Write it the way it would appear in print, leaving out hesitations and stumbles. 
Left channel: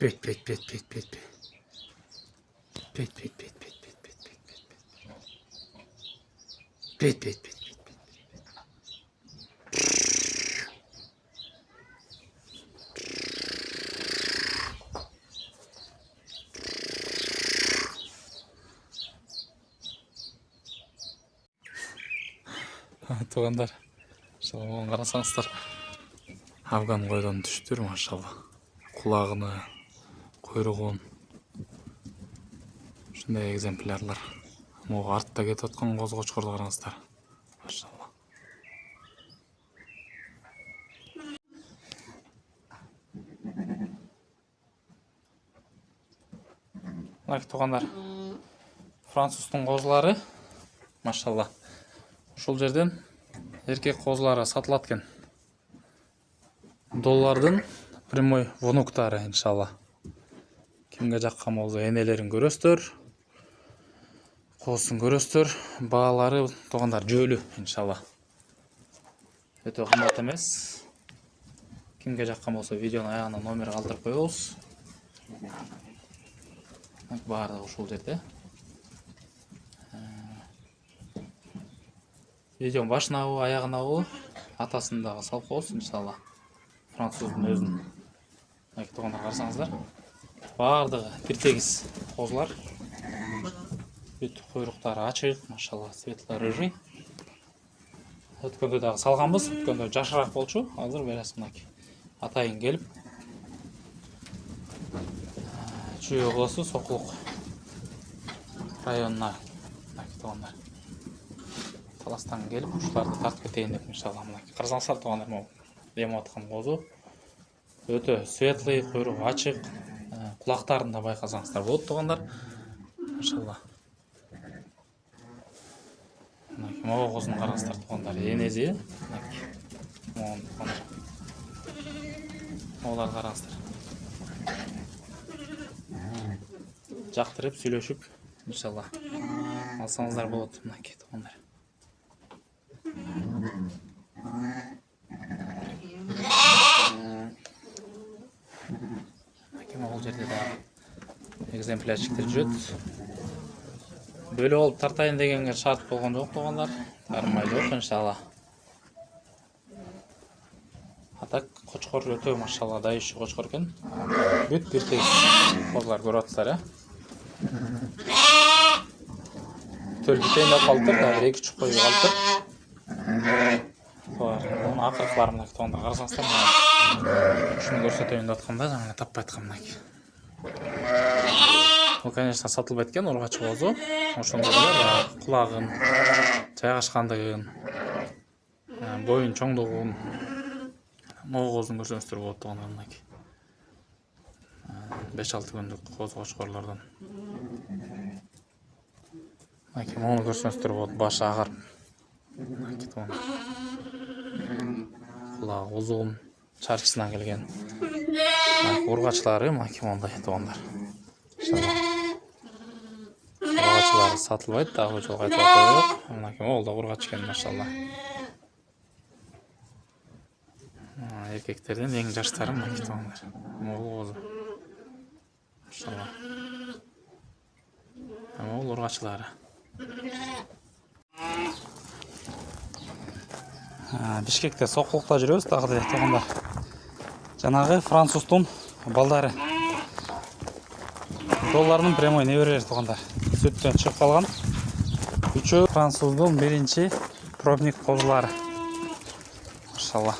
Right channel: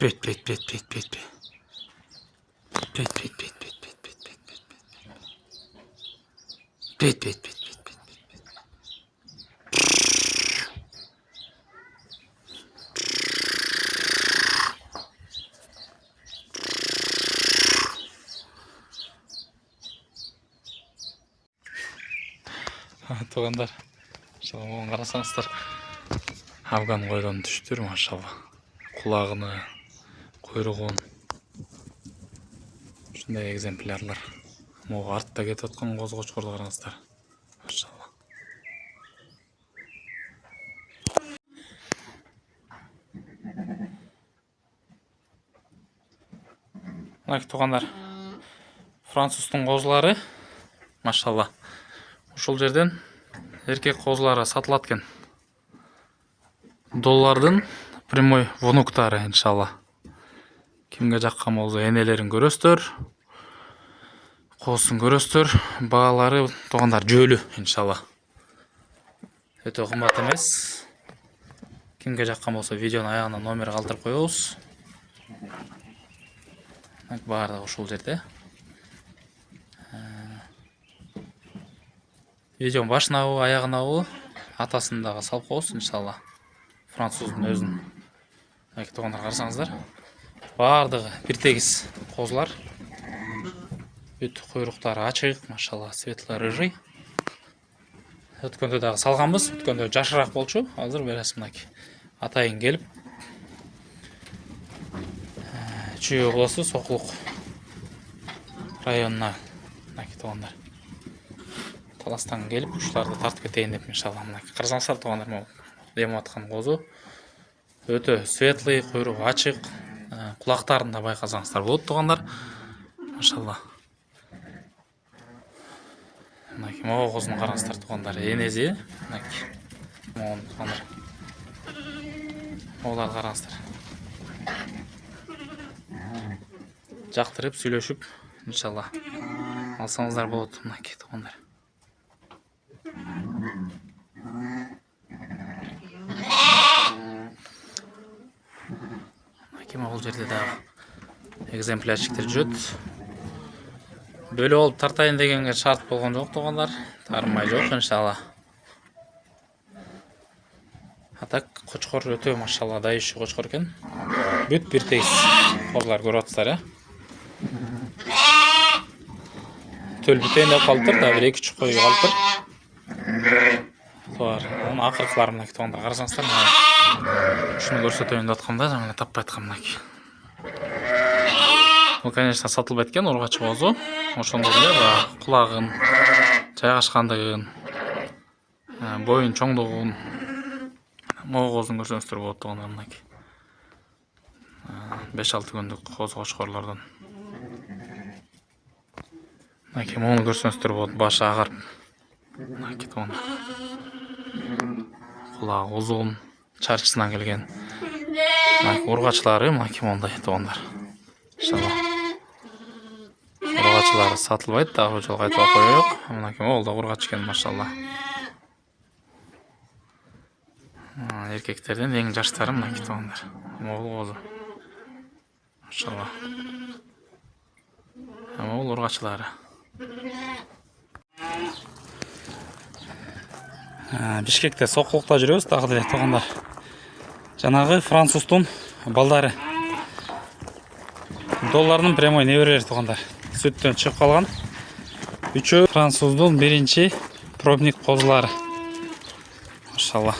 Büyüt, büyüt, büyüt, büyüt, büyüt, büyüt. Büyüt, büyüt, büyüt, büyüt, büyüt, büyüt, büyüt, büyüt. Büyüt, büyüt, büyüt, büyüt, büyüt, büyüt. Туғандар, оған қарасаңыздар, афган қойдан түштер, машалла. Құлағыны, құйрығын, шындай экземплярлар. Моға артта кетіп отқан қозы-қошқарды қараңыздар, машалла. Мына туғандар, француздың қозылары, машалла. Ушул жерден эркек козулары сатылат экен. Доллардын прямой внуктары, иншалла. Кимге жаккан болсо энелерин көрөсүздөр, козусун көрөсүздөр. Баалары туугандар жөлү, иншалла. Өтө кымбат эмес. Кимге жаккан болсо видеонун аягына номер калтырып коебуз. Баардыгы ушул жерде. Видеонун башынабы, аягынабы, атасын дагы салып коебуз, иншалла. Француздун өзүн. Туугандар карасаңыздар. Баардыгы бир тегиз козулар. Бүт куйруктары ачык, машалла, светлый рыжий. Өткөндө дагы салганбыз, өткөндө жашыраак болчу. Азыр бересиз мынакей. Атайын келип, Чүй областы Сокулук районуна, мынакей туугандар. Таластан келип, ушуларды тартып кетейин деп, иншалла. Мынакей карасаңыздар туугандар, демеп аткан козу. Өтө светлый, куйругу ачык. Кулактарын да байкасаңыздар болот туугандар. Машалла. Мынакей могу козун караңыздар туугандар. Энези, мынакей. Могун туугандар. Моголарды караңыздар. Жактырып, сүйлөшүп, иншалла. Алсаңыздар болот, мынакей туугандар. Могул жерде дагы экземплярчиктер жүрөт. Бөлө болуп тартайын дегенге шарт болгон жок туугандар. Тармай жок, иншалла. Атак кочкор өтө, машалла, дайышы кочкор экен. Бүт бир тегиз козулар көрүп атсыздар, Төл бүтөйүн деп калыптыр, да бир 2-3 кой калыптыр. Бар, onun акыркылары мынакей туугандар карасаңыздар. Ушуну көрсөтөйүн деп аткамда, жана таппай аткам мынакей. Бул, конечно, сатылбайт экен, ургачы козу. Ошондо эле кулагын, жайгашкандыгын, боюн чоңдугун, могу козун көрсөңүздөр болот туугандар, мынакей. 5-6 күндүк козу-кочкорлордон. Мынакей мону көрсөңүздөр болот, башы агарып. Мынакей туугандар. Кулагы узун, чарчысынан келген. Ургачылары мынакей мондай туугандар. Иншалла. Ургачылары сатылбайт, дагы жолго айтып коёюк. Мынакей могул да ургач экен, машалла. Эркектерден эң жаштары мынакей туугандар. Могул козу. Машалла. Могул ургачылары. Бишкекте Сокулукта жүрөбүз, дагы деле туугандар. Жанагы француздун балдары. Доллардын прямой неберелери туугандар. Сүттөн чыгып калган. Үчөө француздун биринчи пробник козулары. Машалла.